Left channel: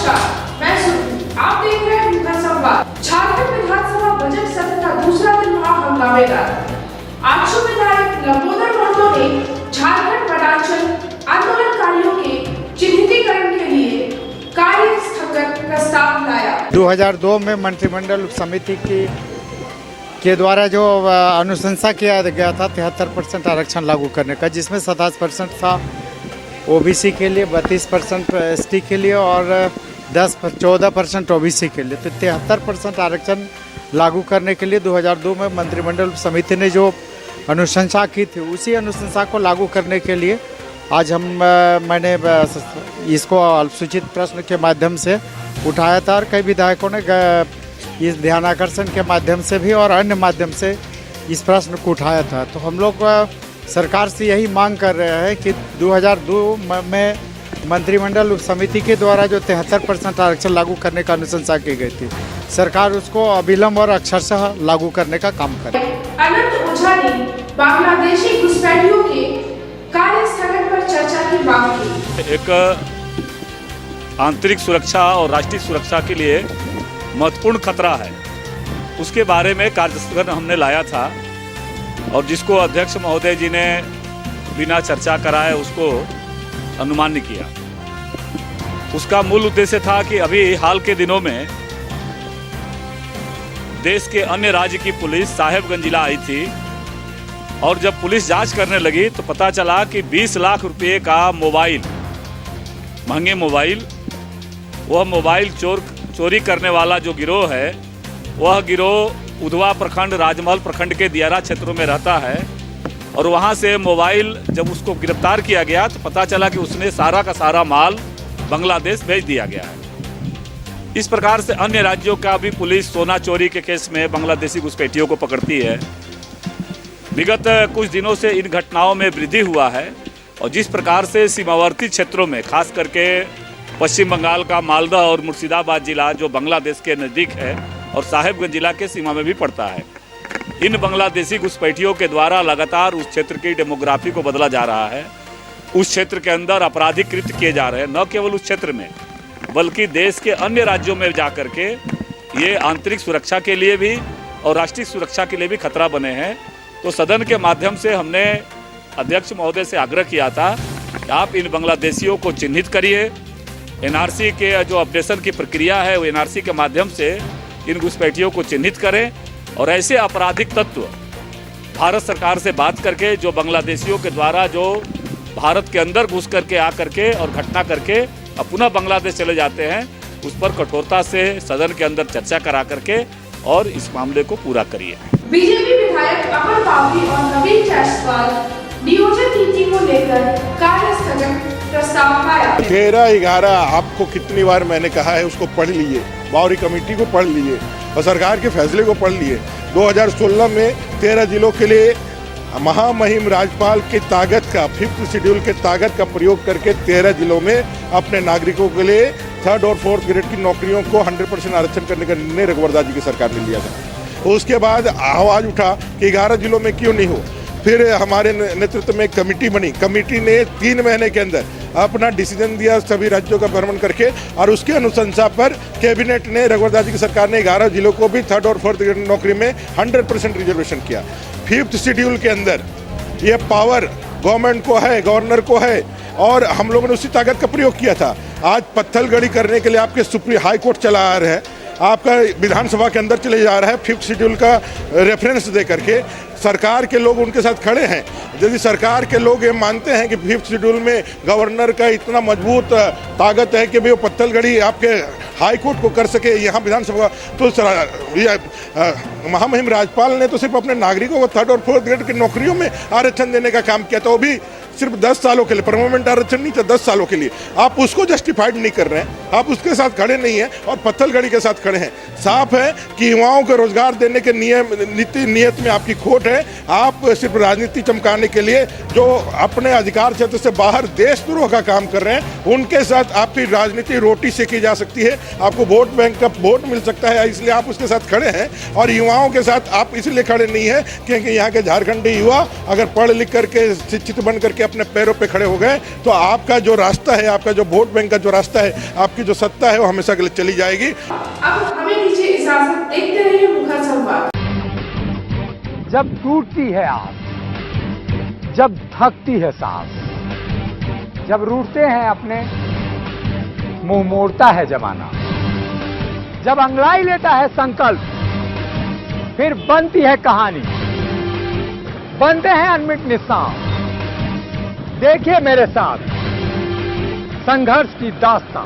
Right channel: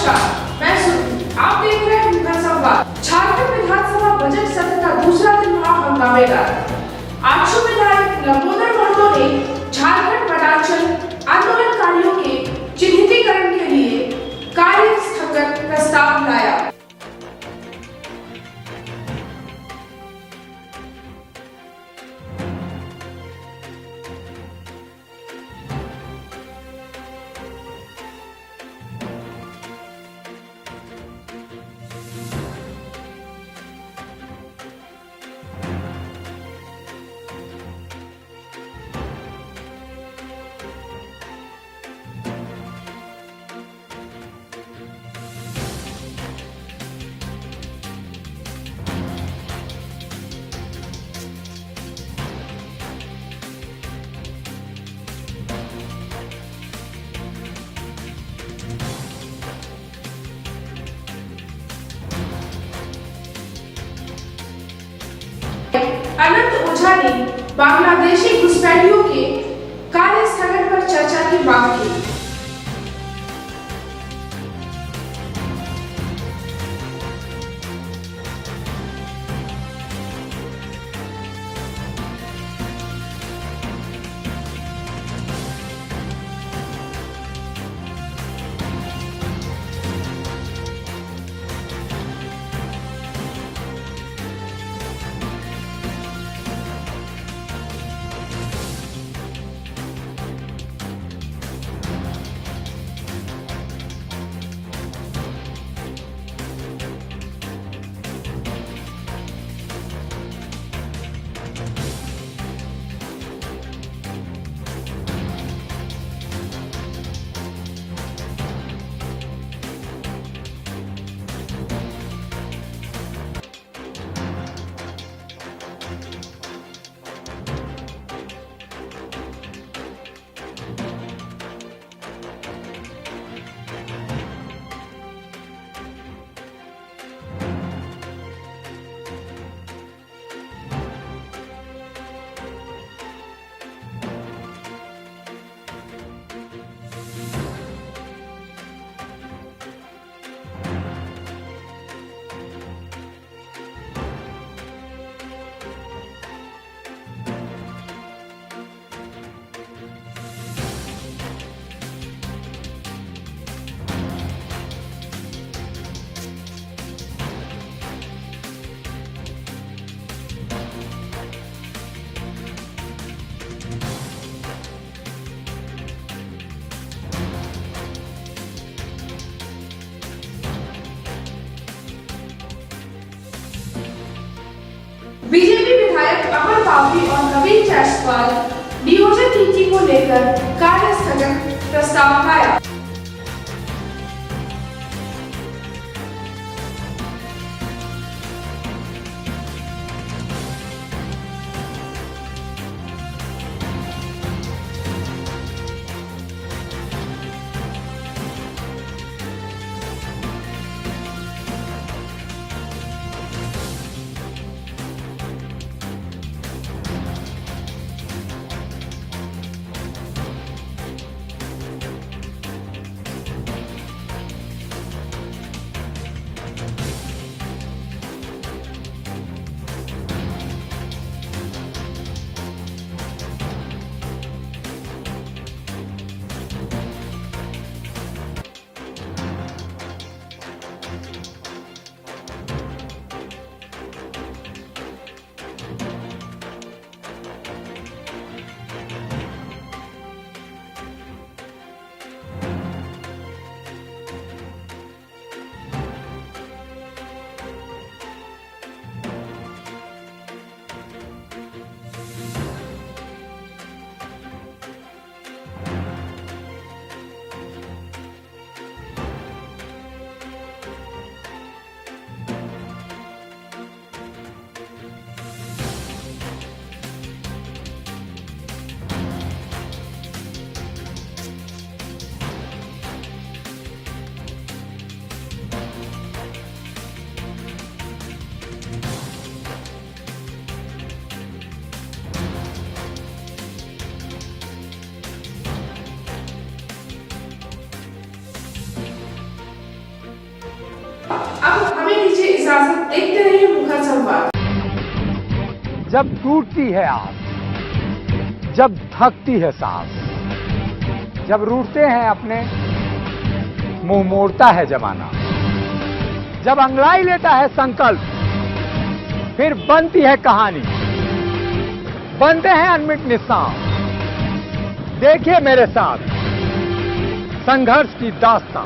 नमस्कार, मैं सुरभि। आप देख रहे हैं मुखर संवाद। झारखंड विधानसभा बजट सत्र का दूसरा दिन रहा हंगामेदार। आजसू विधायक लंबोदर महतो ने झारखंड वनांचल आंदोलनकारियों के चिन्हितीकरण के लिए कार्य स्थगन प्रस्ताव लाया। 2002 में मंत्रिमंडल समिति के द्वारा जो अनुशंसा किया गया था 73% आरक्षण लागू करने का, जिसमें 27% था ओबीसी के लिए, 32% एसटी के लिए और 14% ओबीसी के लिए। तो 73% आरक्षण लागू करने के लिए 2002 में मंत्रिमंडल समिति ने जो अनुशंसा की थी, उसी अनुशंसा को लागू करने के लिए आज मैंने इसको अल्पसूचित प्रश्न के माध्यम से उठाया था और कई विधायकों ने इस ध्यानाकर्षण के माध्यम से भी और अन्य माध्यम से इस प्रश्न को उठाया था। तो हम लोग सरकार से यही मांग कर रहे हैं कि 2002 में मंत्रिमंडल समिति के द्वारा जो 73% आरक्षण लागू करने का अनुशंसा की गई थी, सरकार उसको अविलंब और अक्षरशः लागू करने का काम करे। अनंत ओझा ने बांग्लादेशी घुसपैठियों के कार्य स्थगन पर चर्चा की मांग की। एक आंतरिक सुरक्षा और राष्ट्रीय सुरक्षा के लिए महत्वपूर्ण खतरा है, उसके बारे में कार्यस्थगन हमने लाया था और जिसको अध्यक्ष महोदय जी ने बिना चर्चा कराए उसको अनुमान्य किया। उसका मूल उद्देश्य था कि अभी हाल के दिनों में देश के अन्य राज्य की पुलिस साहेबगंज जिला आई थी और जब पुलिस जांच करने लगी तो पता चला कि 20 लाख रुपए का मोबाइल, महंगे मोबाइल, वह मोबाइल चोरी करने वाला जो गिरोह है, वह गिरोह उधवा प्रखंड, राजमहल प्रखंड के दियारा क्षेत्रों में रहता है। और वहां से मोबाइल जब उसको गिरफ्तार किया गया तो पता चला कि उसने सारा का सारा माल बांग्लादेश भेज दिया गया है। इस प्रकार से अन्य राज्यों का भी पुलिस सोना चोरी के केस में बांग्लादेशी घुसपैठियों को पकड़ती है। विगत कुछ दिनों से इन घटनाओं में वृद्धि हुआ है और जिस प्रकार से सीमावर्ती क्षेत्रों में, खास करके पश्चिम बंगाल का मालदा और मुर्शिदाबाद जिला जो बांग्लादेश के नज़दीक है और साहेबगंज जिला के सीमा में भी पड़ता है, इन बांग्लादेशी घुसपैठियों के द्वारा लगातार उस क्षेत्र की डेमोग्राफी को बदला जा रहा है। उस क्षेत्र के अंदर अपराधीकृत किए जा रहे हैं, न केवल उस क्षेत्र में बल्कि देश के अन्य राज्यों में जा करके ये आंतरिक सुरक्षा के लिए भी और राष्ट्रीय सुरक्षा के लिए भी खतरा बने हैं। तो सदन के माध्यम से हमने अध्यक्ष महोदय से आग्रह किया था कि आप इन बांग्लादेशियों को चिन्हित करिए। एनआरसी के जो अपडेशन की प्रक्रिया है, वो एनआरसी के माध्यम से इन घुसपैठियों को चिन्हित करें और ऐसे आपराधिक तत्व भारत सरकार से बात करके जो बांग्लादेशियों के द्वारा जो भारत के अंदर घुस करके आ करके और घटना करके अब पुनः बांग्लादेश चले जाते हैं, उस पर कठोरता से सदन के अंदर चर्चा करा करके और इस मामले को पूरा करिए। बीजेपी विधायक अमर पावरी और नवीन जायसवाल नियोजन नीति को लेकर कार्य स्थगन प्रस्ताव लाया। 13/11 आपको कितनी बार मैंने कहा है उसको पढ़ लीजिए, बावरी कमेटी को पढ़ लीजिए और सरकार के फैसले को पढ़ लिए। 2016 में 13 जिलों के लिए महामहिम राज्यपाल की ताकत का 5th शेड्यूल के ताकत का प्रयोग करके 13 जिलों में अपने नागरिकों के लिए 3rd और 4th ग्रेड की नौकरियों को 100% आरक्षण करने का निर्णय रघुवर दास जी की सरकार ने लिया था। उसके बाद आवाज उठा कि 11 जिलों में क्यों नहीं हो। फिर हमारे नेतृत्व में कमेटी बनी, कमेटी ने 3 महीने के अंदर अपना डिसीजन दिया सभी राज्यों का भ्रमण करके और उसके अनुशंसा पर कैबिनेट ने, रघुवर दास जी की सरकार ने 11 जिलों को भी 3rd और 4th ग्रेड नौकरी में 100% रिजर्वेशन किया। 5th शेड्यूल के अंदर ये पावर गवर्नमेंट को है, गवर्नर को है और हम लोगों ने उसी ताकत का प्रयोग किया था। आज पत्थलगड़ी करने के लिए आपके सुप्रीम हाई कोर्ट चला आ रहा है, आपका विधानसभा के अंदर चले जा रहा है 5th शेड्यूल का रेफरेंस दे करके। सरकार के लोग उनके साथ खड़े हैं। यदि सरकार के लोग ये मानते हैं कि 5th शेड्यूल में गवर्नर का इतना मजबूत ताकत है कि वो पत्थलगड़ी आपके हाई कोर्ट को कर सके यहाँ विधानसभा, तो महामहिम राज्यपाल ने तो सिर्फ अपने नागरिकों को 3rd और 4th ग्रेड की नौकरियों में आरक्षण देने का काम किया था, वो भी सिर्फ 10 सालों के लिए, परमानेंट आरक्षण नहीं था, 10 सालों के लिए। आप उसको जस्टिफाइड नहीं कर रहे हैं, आप उसके साथ खड़े नहीं हैं और पत्थलगड़ी के साथ खड़े हैं। साफ है कि युवाओं को रोजगार देने के नीति नियत में आपकी खोट है। आप सिर्फ राजनीति चमकाने के लिए जो अपने अधिकार क्षेत्र से बाहर देशद्रोह का काम कर रहे हैं, उनके साथ आपकी राजनीति रोटी सेकी जा सकती है, आपको वोट बैंक का वोट मिल सकता है, इसलिए आप उसके साथ खड़े हैं। और युवाओं के साथ आप इसलिए खड़े नहीं है क्योंकि यहाँ के झारखंडी युवा अगर पढ़ लिख करके शिक्षित बन करके अपने पैरों पे खड़े हो गए तो आपका जो रास्ता है, आपका जो वोट बैंक का जो रास्ता है, आपकी जो सत्ता है वो हमेशा के लिए चली जाएगी। अब हमें दीजिए इजाजत, देखते रहिए मुखर संवाद। जब टूटती है आस, जब थकती है सांस, जब रूठते हैं अपने, मुंह मोड़ता है जमाना, जब अंगड़ाई लेता है संकल्प, फिर बनती है कहानी, बनते हैं अनमिट निशान। देखिए मेरे साथ संघर्ष की दास्तां।